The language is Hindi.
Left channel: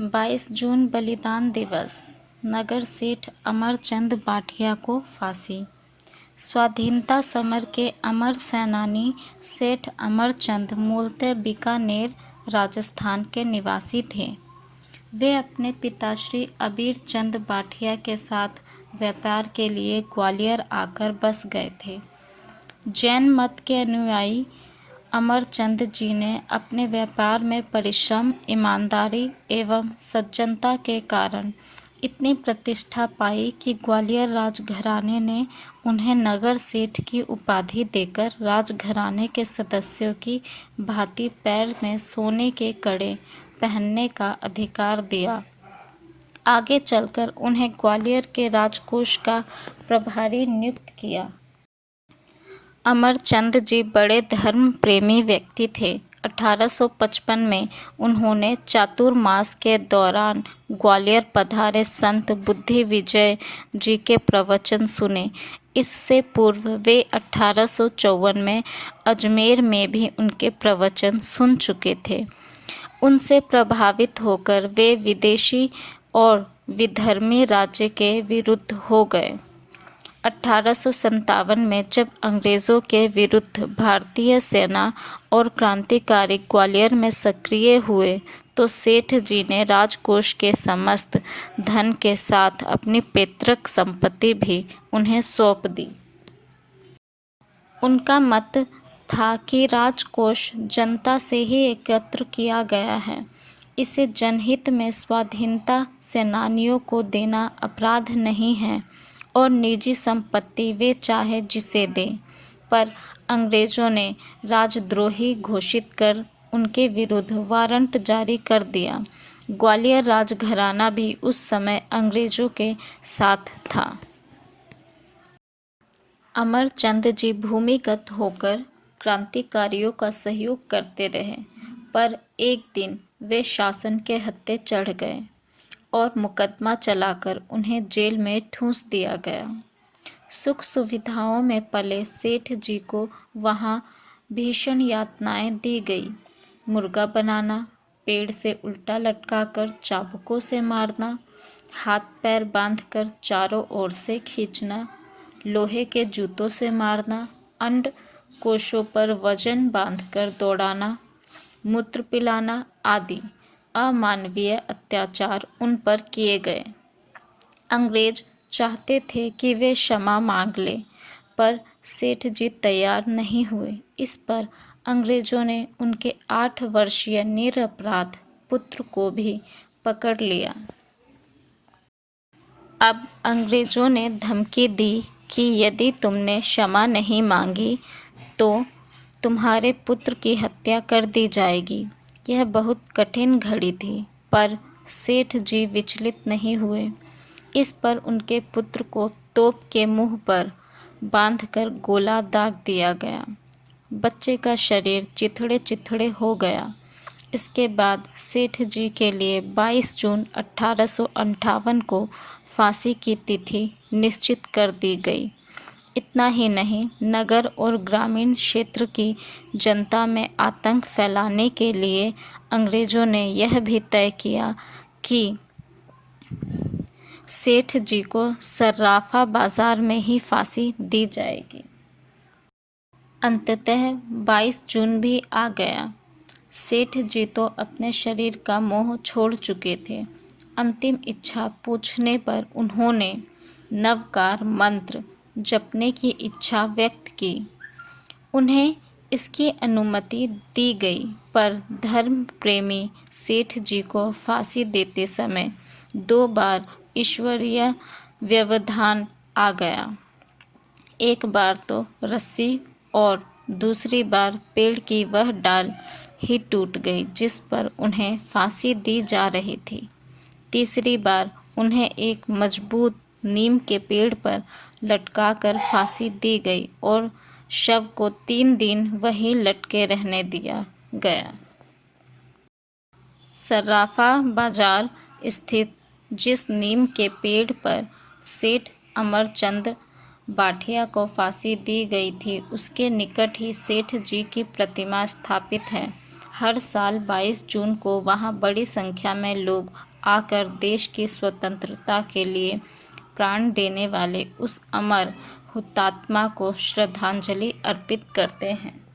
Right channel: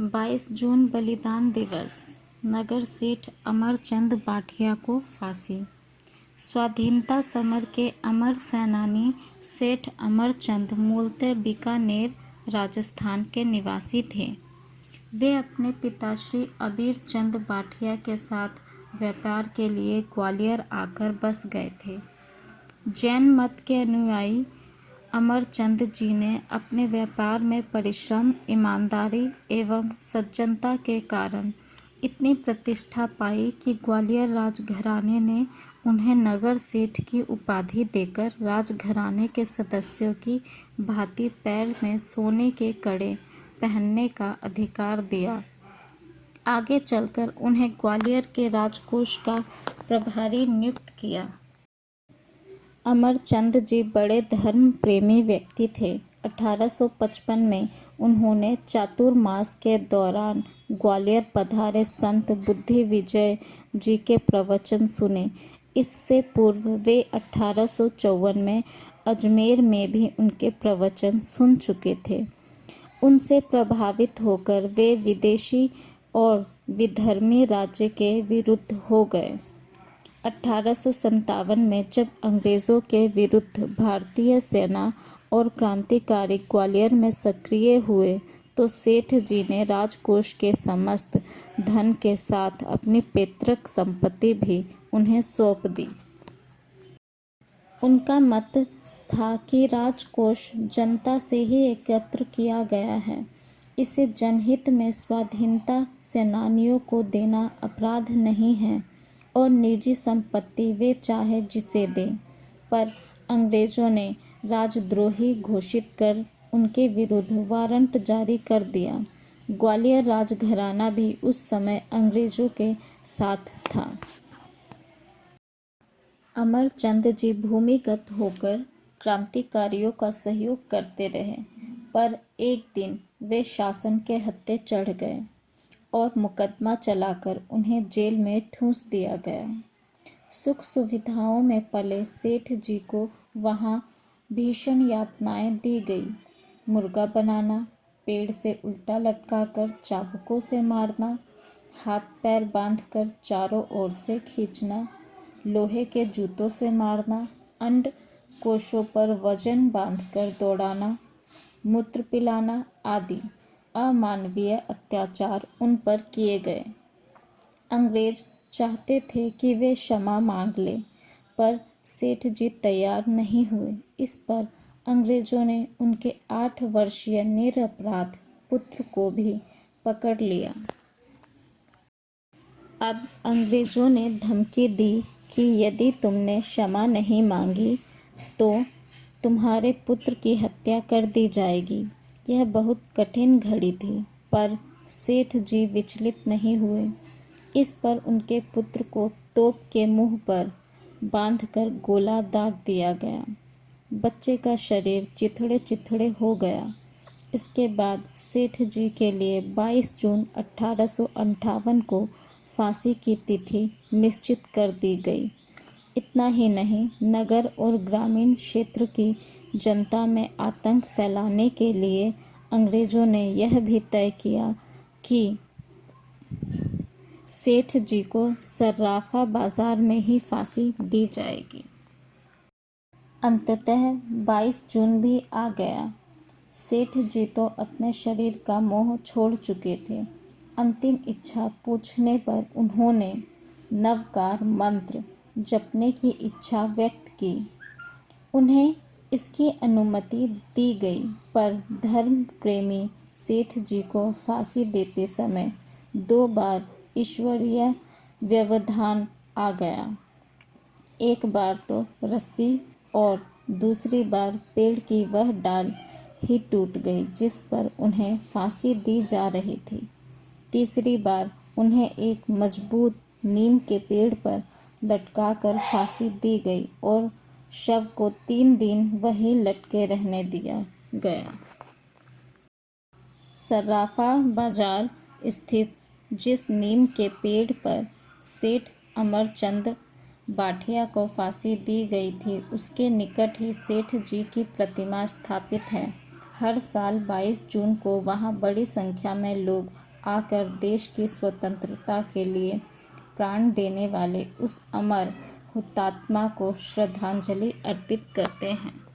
22 जून बलिदान दिवस। नगर सेठ अमरचंद बाठिया को फांसी। स्वाधीनता समर के अमर सेनानी सेठ अमरचंद मूलतः बीकानेर, राजस्थान के निवासी थे। वे अपने पिता श्री अबीर चंद बाठिया के साथ व्यापार के लिए ग्वालियर आकर बस गए थे। जैन मत के अनुयायी अमरचंद जी ने अपने व्यापार में परिश्रम, ईमानदारी एवं सज्जनता के कारण इतनी प्रतिष्ठा पाई कि ग्वालियर राजघराने ने उन्हें नगर सेठ की उपाधि देकर राजघराने के सदस्यों की भांति पैर में सोने के कड़े पहनने का अधिकार दिया। आगे चलकर उन्हें ग्वालियर के राजकोष का प्रभारी नियुक्त किया। अमरचंद जी बड़े धर्म प्रेमी व्यक्ति थे। 1855 में उन्होंने चातुर्मास के दौरान ग्वालियर पधारे संत बुद्धि विजय जी के प्रवचन सुने। इससे पूर्व वे 1854 में अजमेर में भी उनके प्रवचन सुन चुके थे। उनसे प्रभावित होकर वे विदेशी और विधर्मी राज्य के विरुद्ध हो गए। 1857 में जब अंग्रेज़ों के विरुद्ध भारतीय सेना और क्रांतिकारी ग्वालियर में सक्रिय हुए तो सेठ जी ने राजकोष के समस्त धन के साथ अपनी पैतृक संपत्ति भी उन्हें सौंप दी। उनका मत था कि राजकोष जनता से ही एकत्र किया गया है, इसे जनहित में स्वाधीनता सेनानियों को देना अपराध नहीं है और निजी संपत्ति वे चाहे जिसे दें। पर अंग्रेज़ों ने राजद्रोही घोषित कर उनके विरुद्ध वारंट जारी कर दिया। ग्वालियर राजघराना भी उस समय अंग्रेज़ों के साथ था। अमरचंद जी भूमिगत होकर क्रांतिकारियों का सहयोग करते रहे, पर एक दिन वे शासन के हत्थे चढ़ गए और मुकदमा चलाकर उन्हें जेल में ठूंस दिया गया। सुख सुविधाओं में पले सेठ जी को वहाँ भीषण यातनाएं दी गई। मुर्गा बनाना, पेड़ से उल्टा लटकाकर चाबुकों से मारना, हाथ पैर बांधकर चारों ओर से खींचना, लोहे के जूतों से मारना, अंड कोशों पर वजन बांधकर दौड़ाना, मूत्र पिलाना आदि अमानवीय अत्याचार उन पर किए गए। अंग्रेज चाहते थे कि वे क्षमा मांग लें, पर सेठ जी तैयार नहीं हुए। इस पर अंग्रेजों ने उनके 8 वर्षीय निरपराध पुत्र को भी पकड़ लिया। अब अंग्रेजों ने धमकी दी कि यदि तुमने क्षमा नहीं मांगी तो तुम्हारे पुत्र की हत्या कर दी जाएगी। यह बहुत कठिन घड़ी थी, पर सेठ जी विचलित नहीं हुए। इस पर उनके पुत्र को तोप के मुंह पर बांधकर गोला दाग दिया गया। बच्चे का शरीर चिथड़े चिथड़े हो गया। इसके बाद सेठ जी के लिए 22 जून 1858 को फांसी की तिथि निश्चित कर दी गई। इतना ही नहीं, नगर और ग्रामीण क्षेत्र की जनता में आतंक फैलाने के लिए अंग्रेज़ों ने यह भी तय किया कि सेठ जी को सर्राफा बाजार में ही फांसी दी जाएगी। अंततः 22 जून भी आ गया। सेठ जी तो अपने शरीर का मोह छोड़ चुके थे। अंतिम इच्छा पूछने पर उन्होंने नवकार मंत्र जपने की इच्छा व्यक्त की। उन्हें इसकी अनुमति दी गई, पर धर्म प्रेमी सेठ जी को फांसी देते समय 2 बार ईश्वरीय व्यवधान आ गया। एक बार तो रस्सी और दूसरी बार पेड़ की वह डाल ही टूट गई जिस पर उन्हें फांसी दी जा रही थी। तीसरी बार उन्हें एक मजबूत नीम के पेड़ पर लटकाकर फांसी दी गई और शव को 3 दिन वहीं लटके रहने दिया गया। सर्राफा बाजार स्थित जिस नीम के पेड़ पर सेठ अमरचंद बाठिया को फांसी दी गई थी, उसके निकट ही सेठ जी की प्रतिमा स्थापित है। हर साल 22 जून को वहाँ बड़ी संख्या में लोग आकर देश की स्वतंत्रता के लिए प्राण देने वाले उस अमर हुतात्मा को श्रद्धांजलि अर्पित करते हैं।